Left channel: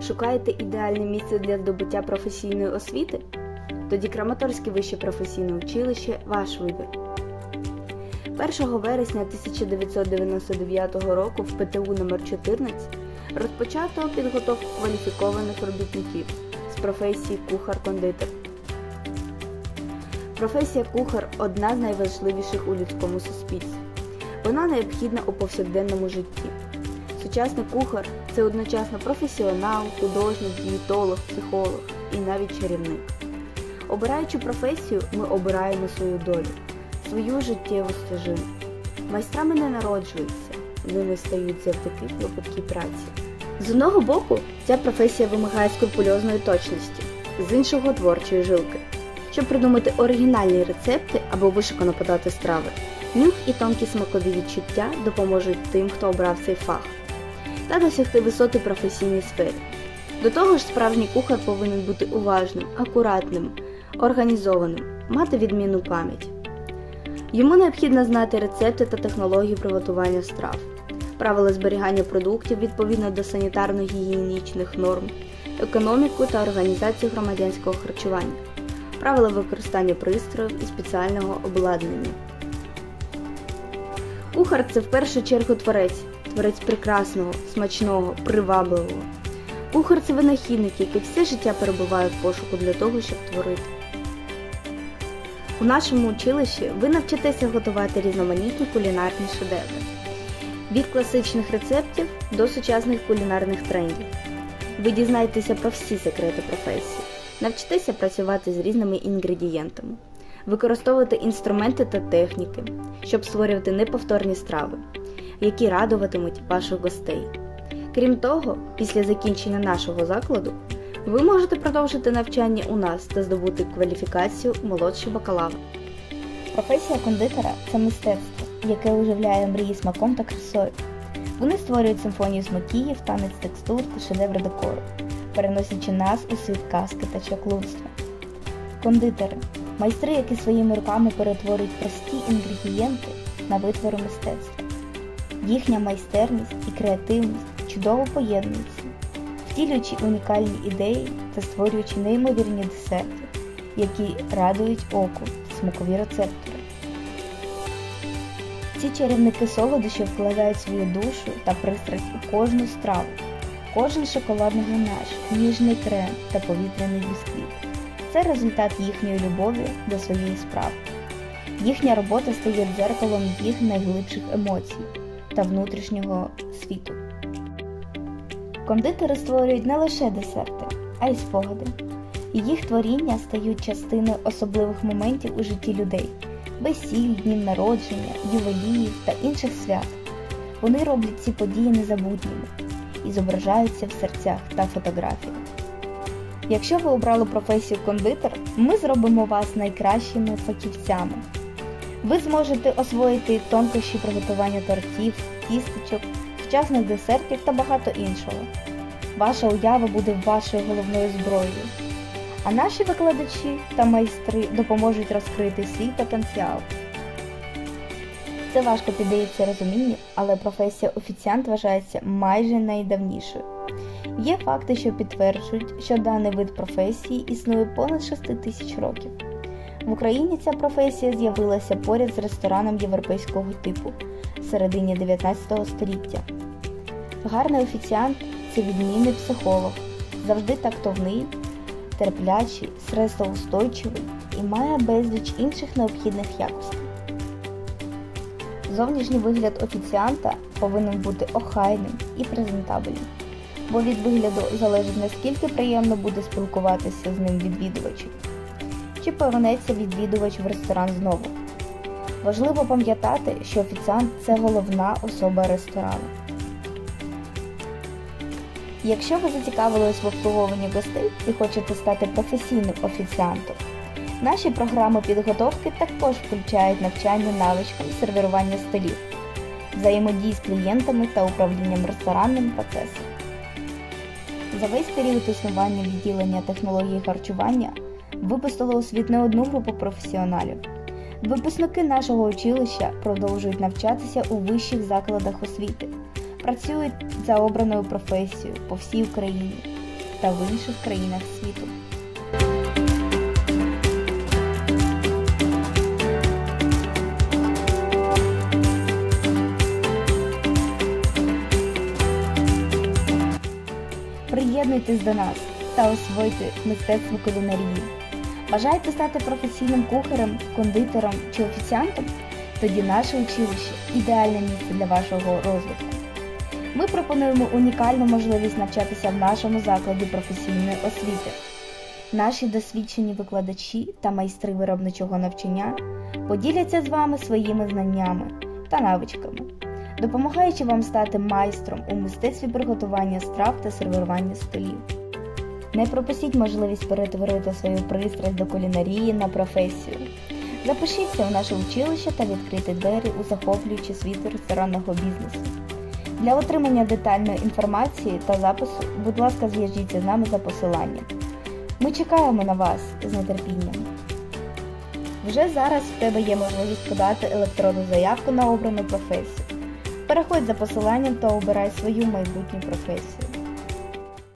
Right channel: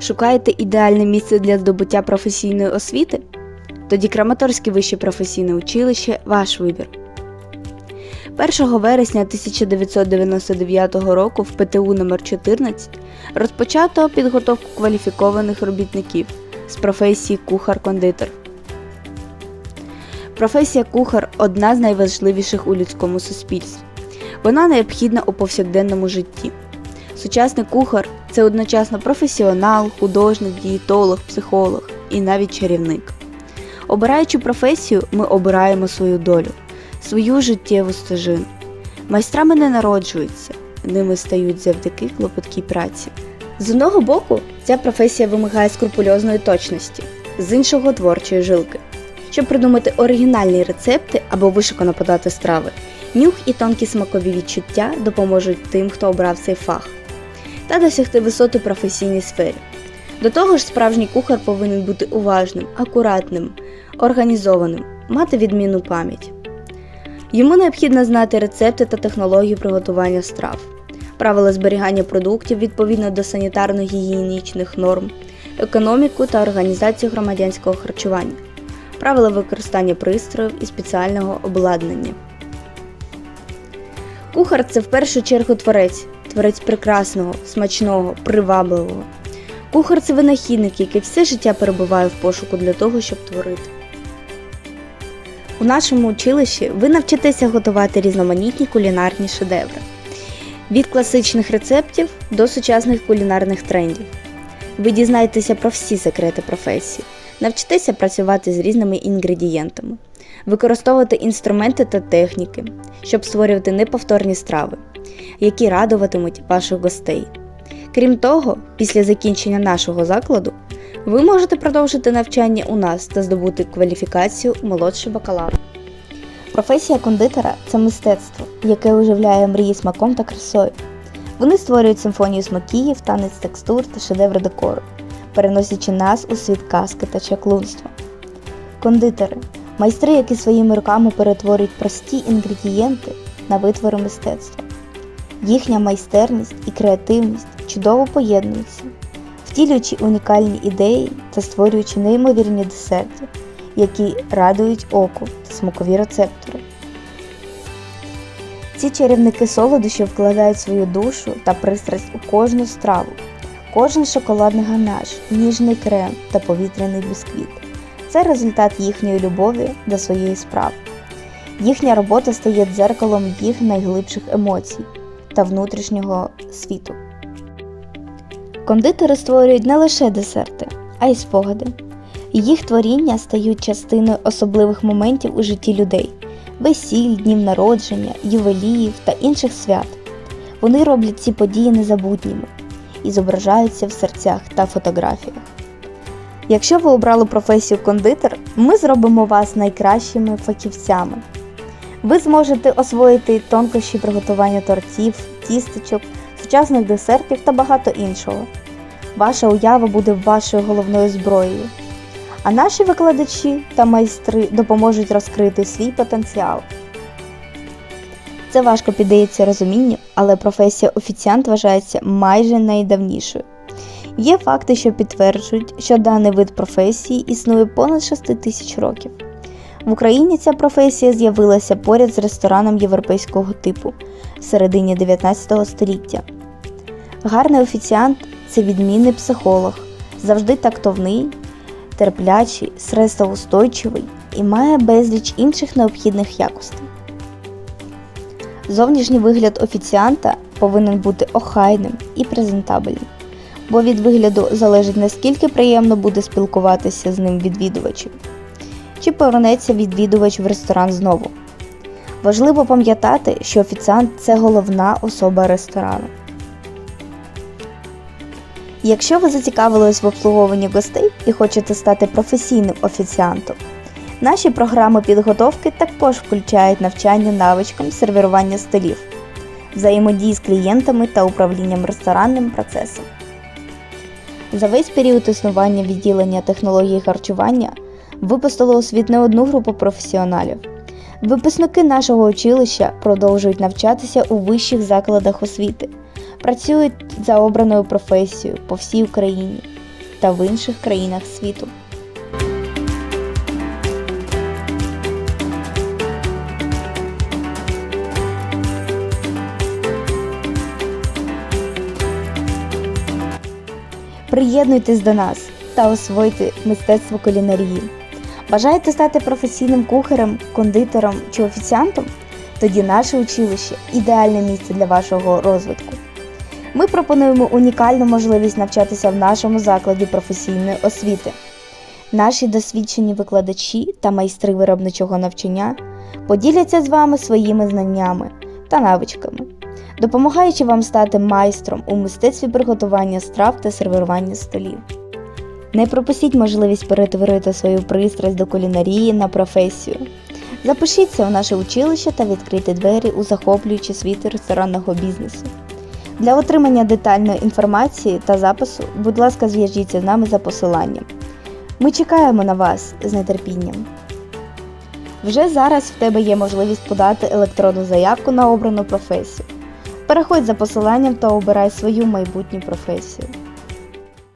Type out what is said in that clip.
Шукаєте ідеальне місце для здобуття професійної освіти? Тоді Краматорське вище професійне училище ваш вибір. 1 вересня 1999 року в ПТУ номер 14 розпочато підготовку кваліфікованих робітників з професії кухар-кондитер. Професія кухар одна з найважливіших у людському суспільстві. Вона необхідна у повсякденному житті. Сучасний кухар це одночасно професіонал, художник, дієтолог, психолог і навіть чарівник. Обираючи професію, ми обираємо свою долю, свою життєву стежину. Майстрами не народжуються, ними стають завдяки клопоткій праці. З одного боку, ця професія вимагає скрупульозної точності, з іншого творчої жилки. Щоб придумати оригінальні рецепти або вишукано подати страви, нюх і тонкі смакові відчуття допоможуть тим, хто обрав цей фах, та досягти висоти професійній сфері. До того ж, справжній кухар повинен бути уважним, акуратним, організованим, мати відмінну пам'ять. Йому необхідно знати рецепти та технології приготування страв, правила зберігання продуктів відповідно до санітарно-гігієнічних норм, економіку та організацію громадянського харчування, правила використання пристроїв і спеціального обладнання. Кухар це в першу чергу творець, творець прекрасного, смачного, привабливого. Кухар це винахідник, який все життя перебуває в пошуку для того, щоб творити. У нашому училищі ви навчитеся готувати різноманітні кулінарні шедеври від класичних рецептів до сучасних кулінарних трендів. Ви дізнаєтеся про всі секрети професії, навчитеся працювати з різними інгредієнтами, використовувати інструменти та техніки, щоб створювати неповторні страви, які радуватимуть ваших гостей. Крім того, після закінчення нашого закладу ви можете продовжити навчання у нас та здобути кваліфікацію молодший бакалавр. Професія кондитера це мистецтво, яке оживляє мрії смаком та красою. Вони створюють симфонію смакіїв, танець текстур та шедеври декору, переносячи нас у світ казки та чаклунства. Кондитери майстри, які своїми руками перетворюють прості інгредієнти на витвори мистецтва. Їхня майстерність і креативність чудово поєднуються, втілюючи унікальні ідеї та створюючи неймовірні десерти, які радують оку та смакові рецептори. Ці чарівники солодощів вкладають свою душу та пристрасть у кожну страву, кожен шоколадний ганаш, ніжний крем та повітряний бісквіт. Це результат їхньої любові до своєї справи. Їхня робота стає дзеркалом їх найглибших емоцій та внутрішнього світу. Кондитери створюють не лише десерти, а й спогади. Їх творіння стають частиною особливих моментів у житті людей весіль, днів народження, ювеліїв та інших свят. Вони роблять ці події незабутніми і зображаються в серцях та фотографіях. Якщо ви обрали професію кондитер, ми зробимо вас найкращими фахівцями. Ви зможете освоїти тонкощі приготування тортів, тістечок, сучасних десертів та багато іншого. Ваша уява буде вашою головною зброєю. А наші викладачі та майстри допоможуть розкрити свій потенціал. Це важко піддається розумінню, але професія офіціант вважається майже найдавнішою. Є факти, що підтверджують, що даний вид професії існує понад 6 тисяч років. В Україні ця професія з'явилася поряд з рестораном європейського типу в середині 19 століття. Гарний офіціант це відмінний психолог, завжди тактовний, терплячий, стресоустойчивий і має безліч інших необхідних якостей. Зовнішній вигляд офіціанта повинен бути охайним і презентабельним, бо від вигляду залежить наскільки приємно буде спілкуватися з ним відвідувачів, чи повернеться відвідувач в ресторан знову. Важливо пам'ятати, що офіціант це головна особа ресторану. Якщо ви зацікавились в обслуговуванні гостей і хочете стати професійним офіціантом, наші програми підготовки також включають навчання навичкам сервірування столів, взаємодії з клієнтами та управлінням ресторанним процесом. За весь період існування відділення технології харчування випустило у світ не одну групу професіоналів. Випускники нашого училища продовжують навчатися у вищих закладах освіти, працюють за обраною професією по всій Україні та в інших країнах світу. Приєднуйтесь до нас та освойте мистецтво кулінарії. Бажаєте стати професійним кухарем, кондитером чи офіціантом? Тоді наше училище ідеальне місце для вашого розвитку. Ми пропонуємо унікальну можливість навчатися в нашому закладі професійної освіти. Наші досвідчені викладачі та майстри виробничого навчання поділяться з вами своїми знаннями та навичками, допомагаючи вам стати майстром у мистецтві приготування страв та сервірування столів. Не пропустіть можливість перетворити свою пристрасть до кулінарії на професію. Запишіться у наше училище та відкрийте двері у захоплюючі світи ресторанного бізнесу. Для отримання детальної інформації та запису, будь ласка, зв'яжіться з нами за посиланням. Ми чекаємо на вас з нетерпінням. Вже зараз в тебе є можливість подати електронну заявку на обрану професію. Переходь за посиланням та обирай свою майбутню професію.